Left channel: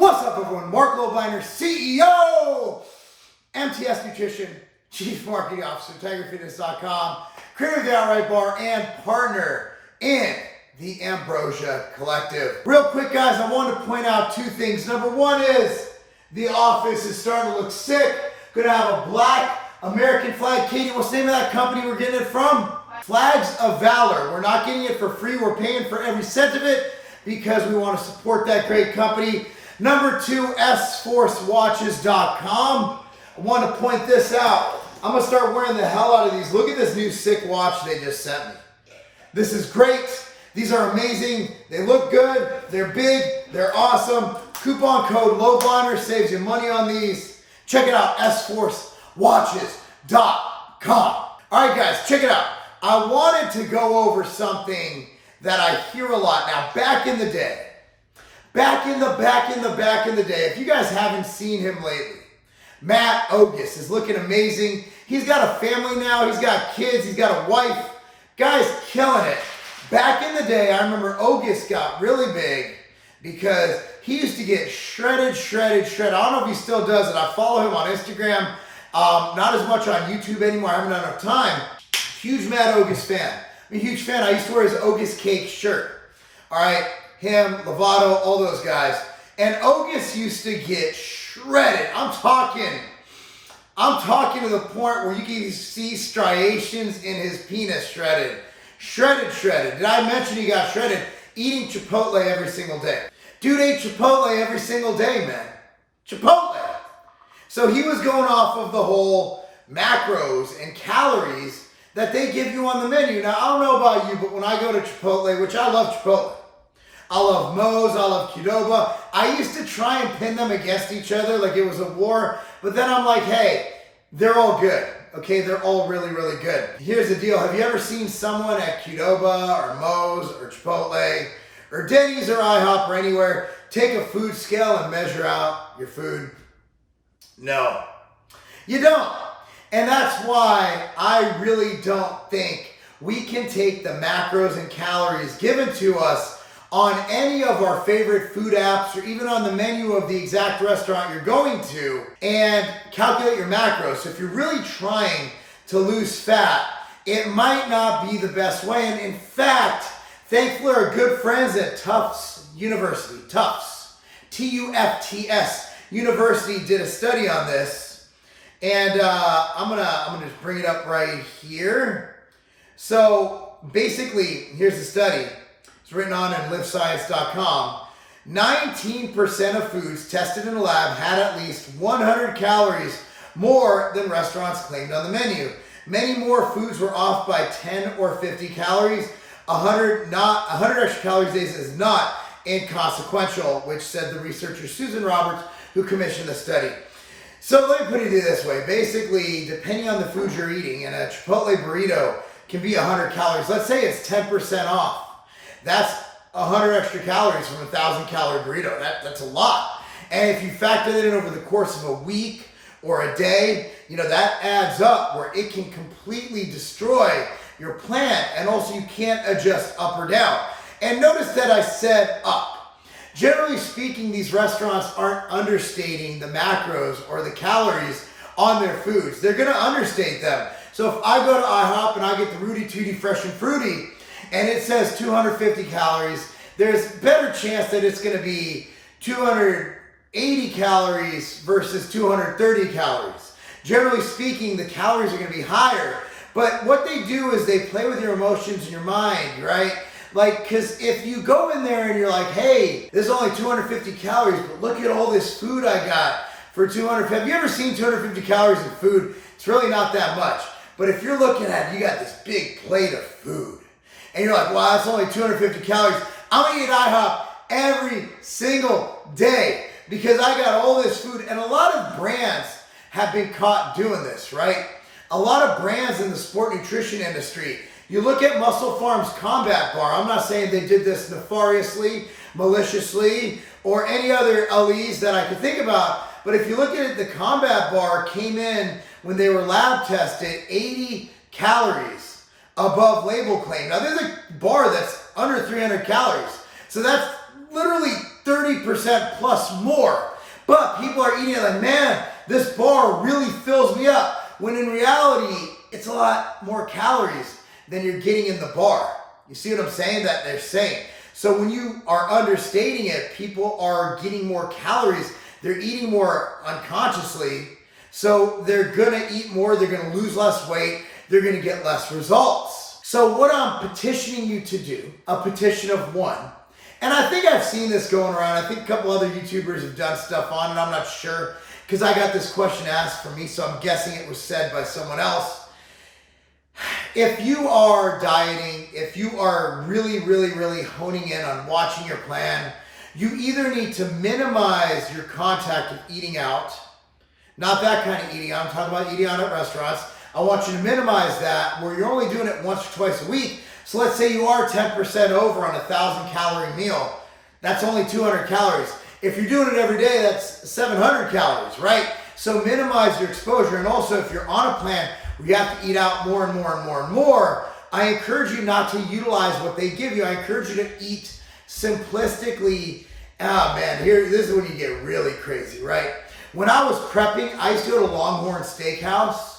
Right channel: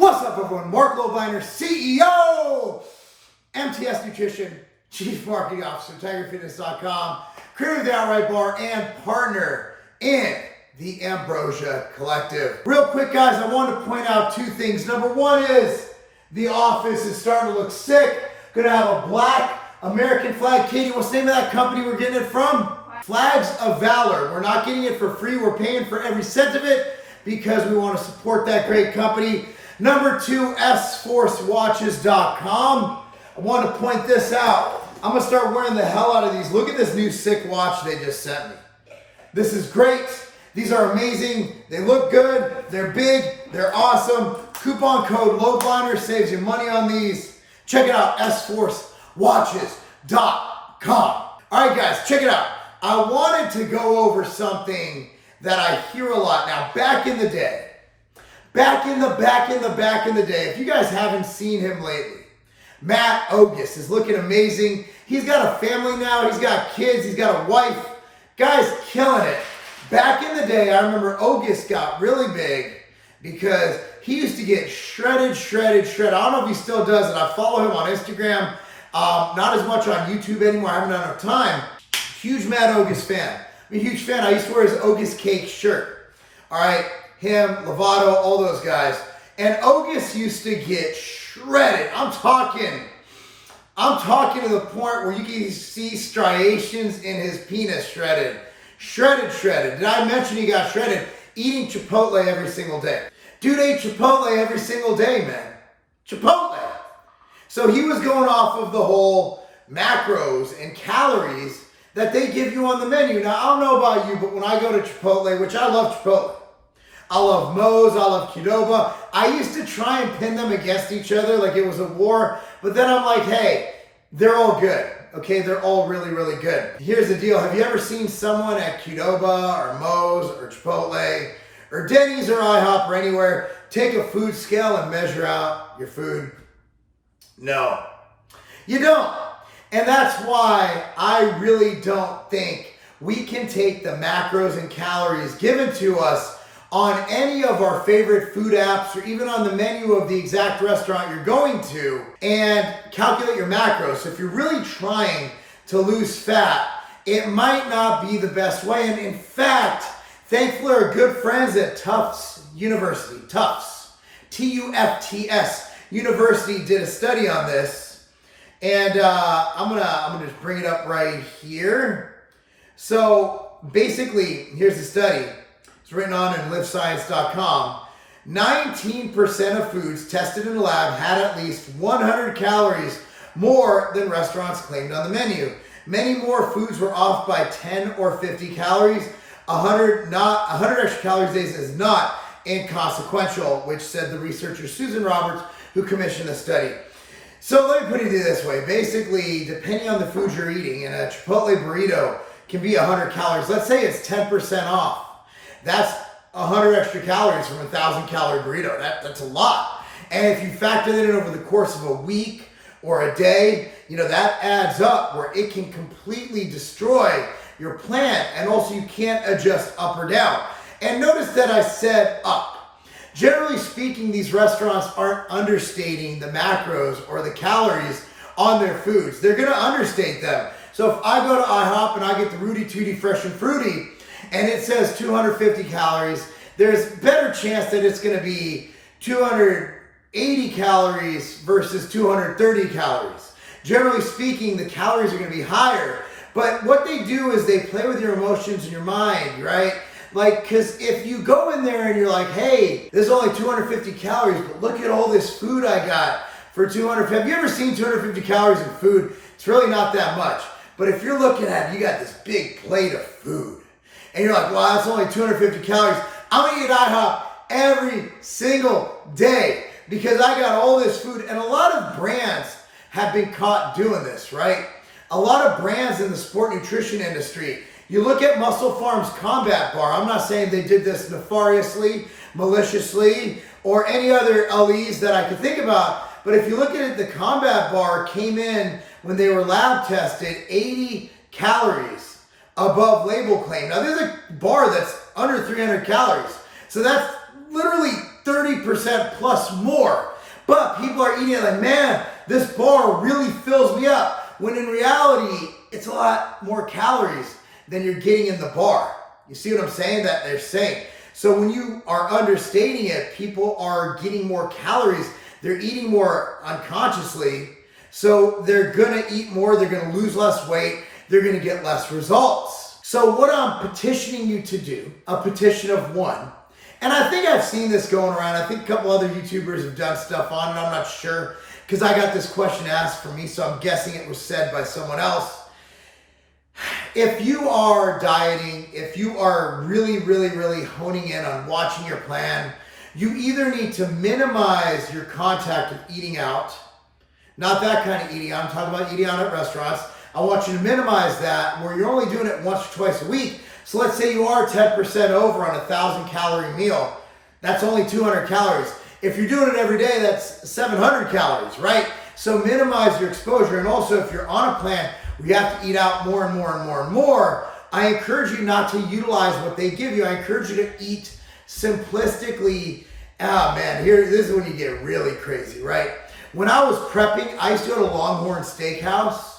What's up, everyone? Marc Lobliner, CEO, MTS Nutrition, Chief Marketing Officer, TigerFitness.com, creator of the Outright Bar, and partner in the Ambrosia Collective. Real quick, guys, I wanted to point out two things. Number one is the office is starting to look sick. Gonna have a black American flag. Katie, what's the name of that company we're getting it from? Flags of Valor. We're not getting it for free. We're paying for every cent of it because we want to support that great company. Number two, sforcewatches.com. I want to point this out. I'm going to start wearing the hell out of these. Look at this new sick watch they just sent me. This is great. These are amazing. They look good. They're big. They're awesome. Coupon code Lobliner saves you money on these. Check it out, sforcewatches.com. All right, guys, check it out. I wanted to go over something that I hear a lot now. Back in the day, if you guys haven't seen him lately, Matt Ogus is looking amazing. He's got a family now. He's got kids. He's got a wife. Guy's killing it. Back in the day, I remember Ogus got really big because he used to get shredded. I don't know if he still does it. I follow him on Instagram. Not as much on YouTube anymore. I haven't had enough time. Huge Matt Ogus fan. I'm a huge fan. I used to wear his Ogus Cake shirt. All right. Him, Lovato, all those guys. And Ogus used to get shredded. I'm talking to the point where you can see striations in his penis shredded. Shredded. Did I mention he got shredded? Eating Chipotle every single day. Dude ate Chipotle every single day, man. Chipotle. So he was going off of the whole macros and calories that they give you on the menu. Now, I don't know about you, but when I go to Chipotle, which I love Chipotle, I love Moe's, I love Qdoba. I used to try and pin them against each other like it was a war, but then I'm like, hey, they're all good, okay? They're all really, really good. Here's the deal. Have you ever seen someone at Qdoba or Moe's or Chipotle or Denny's or IHOP or anywhere take a food scale and measure out your food? No, you don't. And that's why I really don't think we can take the macros and calories given to us on any of our favorite food apps or even on the menu of the exact restaurant you're going to and calculate your macros. So if you're really trying to lose fat, it might not be the best way. And in fact, thankfully our good friends at Tufts University, Tufts, T-U-F-T-S University did a study on this. And I'm gonna just bring it up right here. So basically, here's the study. It's written on in livescience.com. 19% of foods tested in the lab had at least 100 calories more than restaurants claimed on the menu. Many more foods were off by 10 or 50 calories. 100 extra calories days is not inconsequential, which said the researcher Susan Roberts, who commissioned the study. So let me put it this way. Basically, depending on the food you're eating, and a Chipotle burrito can be 100 calories. Let's say it's 10% off. That's 100 extra calories from a 1,000-calorie burrito. That's a lot. And if you factor that in over the course of a week or a day, that adds up where it can completely destroy your plan. And also you can't adjust up or down. And notice that I said up. Generally speaking, these restaurants aren't understating the macros or the calories on their foods. They're going to understate them. So if I go to IHOP and I get the Rudy Tooty Fresh and Fruity and it says 250 calories, there's better chance that it's going to be 280 calories versus 230 calories. Generally speaking, the calories are going to be higher. But what they do is they play with your emotions and your mind, right? Like, because if you go in there and you're like, hey, there's only 250 calories, but look at all this food I got for 200. Have you ever seen 250 calories in food? It's really not that much. But if you're looking at it, you got this big plate of food. And you're like, wow, that's only 250 calories. I'm going to eat IHOP every single day because I got all this food. And a lot of brands have been caught doing this, right? A lot of brands in the sport nutrition industry. You look at Muscle Farms Combat Bar. I'm not saying they did this nefariously, maliciously, or any other LEs that I could think about. But if you look at it, the Combat Bar came in when they were lab tested 80 calories above label claim. Now there's a bar that's under 300 calories. So that's literally 30% plus more. But people are eating it like, man, this bar really fills me up. When in reality, it's a lot more calories than you're getting in the bar. You see what I'm saying? That they're saying. So when you are understating it, people are getting more calories. They're eating more unconsciously. So they're going to eat more. They're going to lose less weight. They're going to get less results. So what I'm petitioning you to do, a petition of 1, and I think I've seen this going around. I think a couple other YouTubers have done stuff on it. I'm not sure because I got this question asked for me, so I'm guessing it was said by someone else. If you are dieting, if you are really honing in on watching your plan, you either need to minimize your contact of eating out, not that kind of eating out, I'm talking about eating out at restaurants. I want you to minimize that where you're only doing it once or twice a week. So let's say you are 10% over on a 1,000 calorie meal. That's only 200 calories. If you're doing it every day, that's 700 calories, right? So minimize your exposure. And also if you're on a plan where you have to eat out more and more, I encourage you not to utilize what they give you. I encourage you to eat simplistically. Ah, man, this is when you get really crazy, right? When I was prepping, I used to go to Longhorn Steakhouse,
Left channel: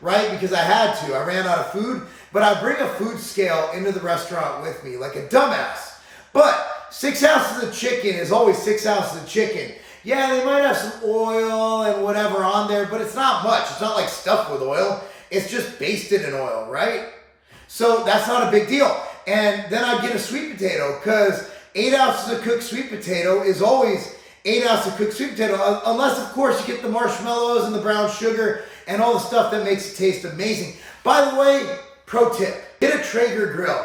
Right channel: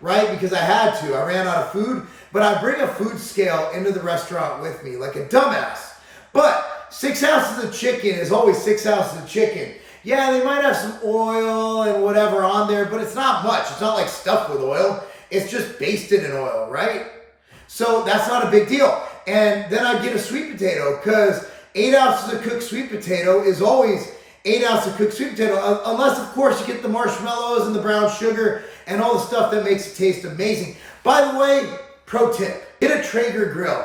right? Because I had to. I ran out of food, but I bring a food scale into the restaurant with me like a dumbass. But 6 ounces of chicken is always 6 ounces of chicken. Yeah, they might have some oil and whatever on there, but it's not much. It's not like stuffed with oil. It's just basted in oil, right? So that's not a big deal. And then I get a sweet potato because 8 ounces of cooked sweet potato is always 8 ounces of cooked sweet potato, unless of course you get the marshmallows and the brown sugar and all the stuff that makes it taste amazing. By the way, pro tip, get a Traeger grill.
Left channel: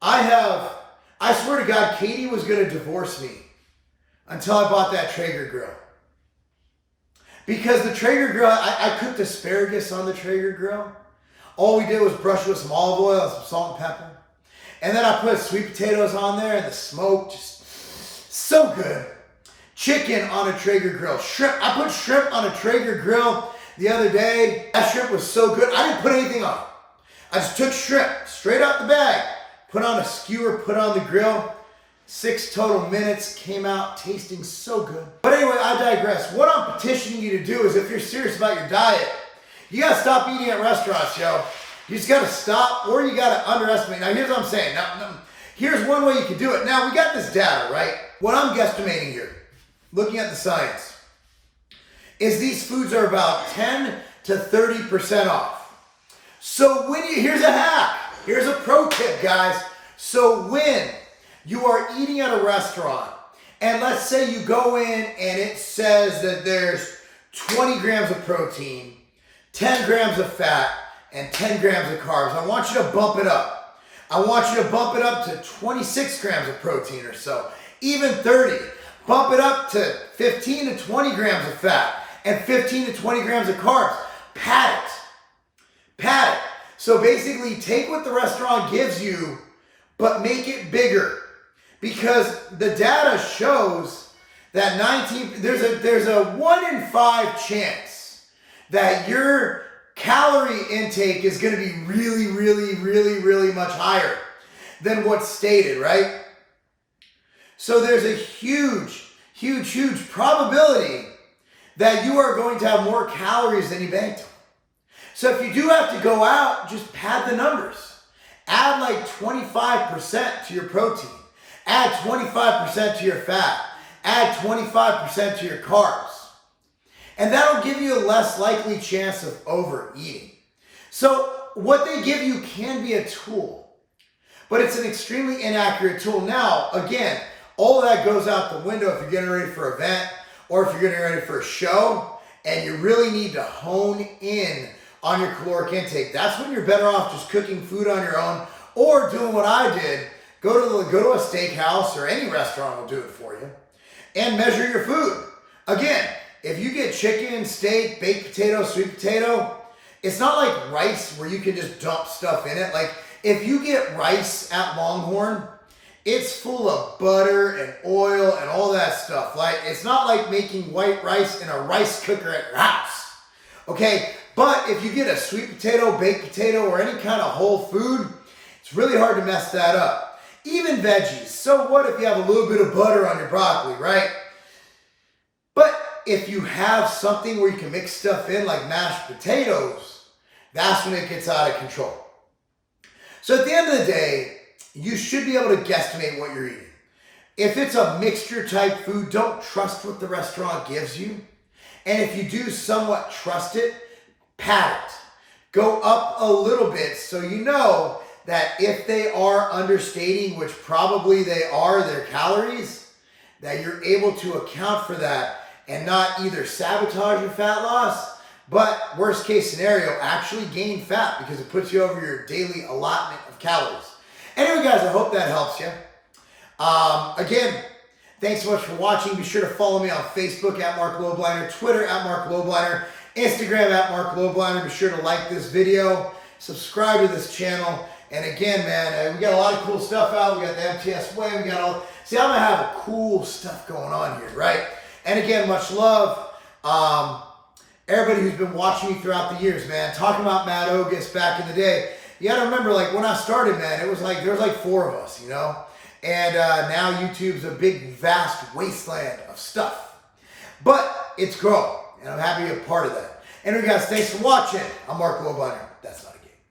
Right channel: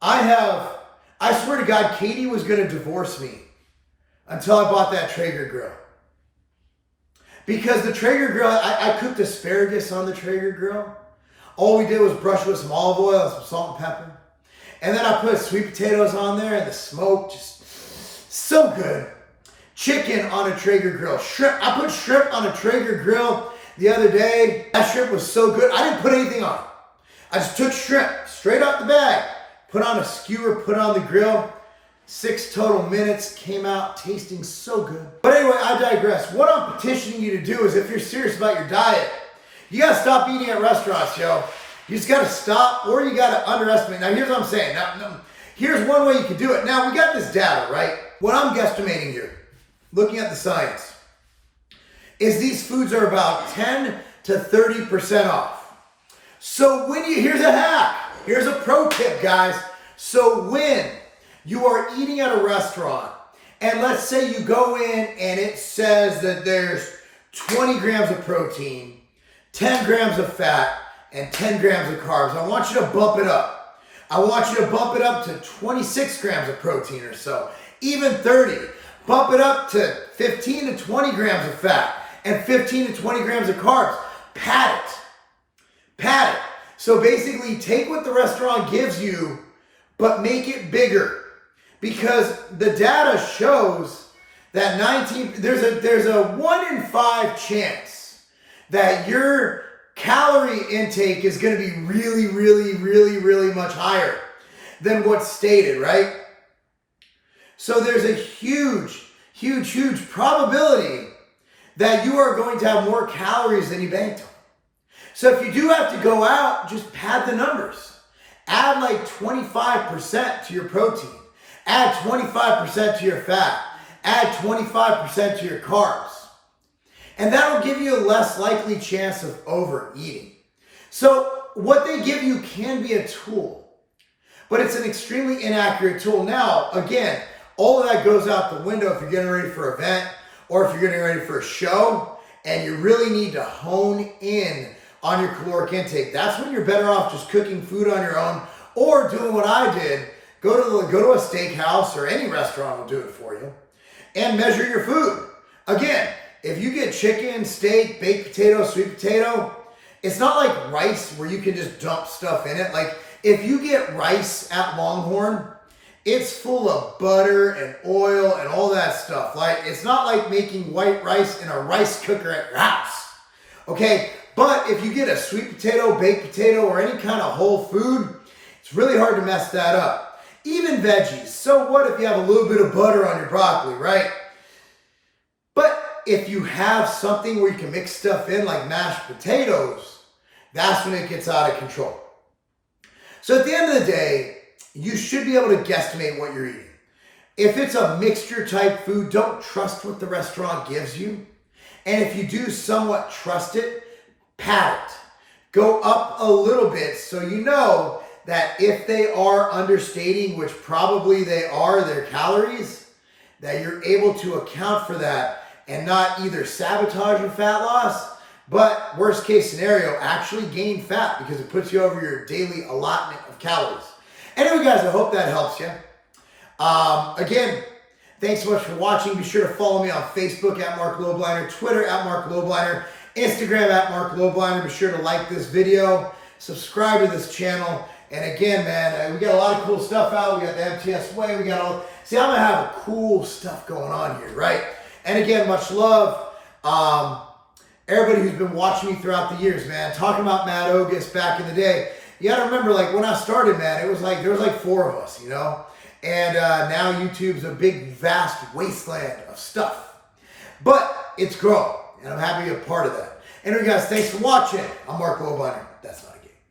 I swear to God, Katie was gonna divorce me until I bought that Traeger grill. Because the Traeger grill, I cooked asparagus on the Traeger grill. All we did was brush with some olive oil and some salt and pepper. And then I put sweet potatoes on there and the smoke, just so good. Chicken on a Traeger grill. Shrimp, I put shrimp on a Traeger grill the other day. That shrimp was so good. I didn't put anything on. I just took shrimp straight out the bag, put on a skewer, put on the grill. 6 total minutes, came out tasting so good. But anyway, I digress. What I'm petitioning you to do is if you're serious about your diet, you gotta stop eating at restaurants, yo. You just gotta stop, or you gotta underestimate. Now here's what I'm saying. Now, here's one way you can do it. Now we got this data, right? What I'm guesstimating here, looking at the science, is these foods are about 10 to 30% off. So here's a hack. Here's a pro tip, guys. So when you are eating at a restaurant, and let's say you go in and it says that there's 20 grams of protein, 10 grams of fat, and 10 grams of carbs. I want you to bump it up. I want you to bump it up to 26 grams of protein or so, even 30. Bump it up to 15 to 20 grams of fat and 15 to 20 grams of carbs. Pat it. Pat it. So basically take what the restaurant gives you, but make it bigger. Because the data shows that there's a 1 in 5 chance that your calorie intake is going to be really much higher than what's stated, right? So there's a huge probability that you are going to have more calories than you banked on. So if you do have to go out, just pad the numbers. Add like 25% to your protein. Add 25% to your fat. Add 25% to your carbs. And that'll give you a less likely chance of overeating. So what they give you can be a tool, but it's an extremely inaccurate tool. Now, again, all of that goes out the window if you're getting ready for an event or if you're getting ready for a show and you really need to hone in on your caloric intake. That's when you're better off just cooking food on your own or doing what I did. Go to a steakhouse or any restaurant will do it for you and measure your food. Again, if you get chicken, steak, baked potato, sweet potato, it's not like rice where you can just dump stuff in it. Like if you get rice at Longhorn, it's full of butter and oil and all that stuff. Like it's not like making white rice in a rice cooker at your house. Okay, but if you get a sweet potato, baked potato, or any kind of whole food, it's really hard to mess that up. even veggies. So what if you have a little bit of butter on your broccoli, right? But if you have something where you can mix stuff in like mashed potatoes, that's when it gets out of control. So at the end of the day, you should be able to guesstimate what you're eating. If it's a mixture type food, don't trust what the restaurant gives you. And if you do somewhat trust it, pad it. Go up a little bit so you know that if they are understating, which probably they are, their calories, that you're able to account for that and not either sabotage your fat loss, but worst case scenario, actually gain fat because it puts you over your daily allotment of calories. Anyway, guys, I hope that helps you. Again, thanks so much for watching. Be sure to follow me on Facebook at Marc Lobliner, Twitter at Marc Lobliner, Instagram at Marc Lobliner. Be sure to like this video, subscribe to this channel. And again, man, we got a lot of cool stuff out. We got the MTS way. We got all, see, I'm going to have cool stuff going on here, right? And again, much love. Everybody who's been watching me throughout the years, man, talking about Matt Ogus back in the day. You got to remember, like, when I started, man, it was like, there was like 4 of us, you know? And now YouTube's a big, vast wasteland of stuff. But it's growing, and I'm happy to be a part of that. Anyway, guys, thanks for watching. I'm Marc Lobliner. That's not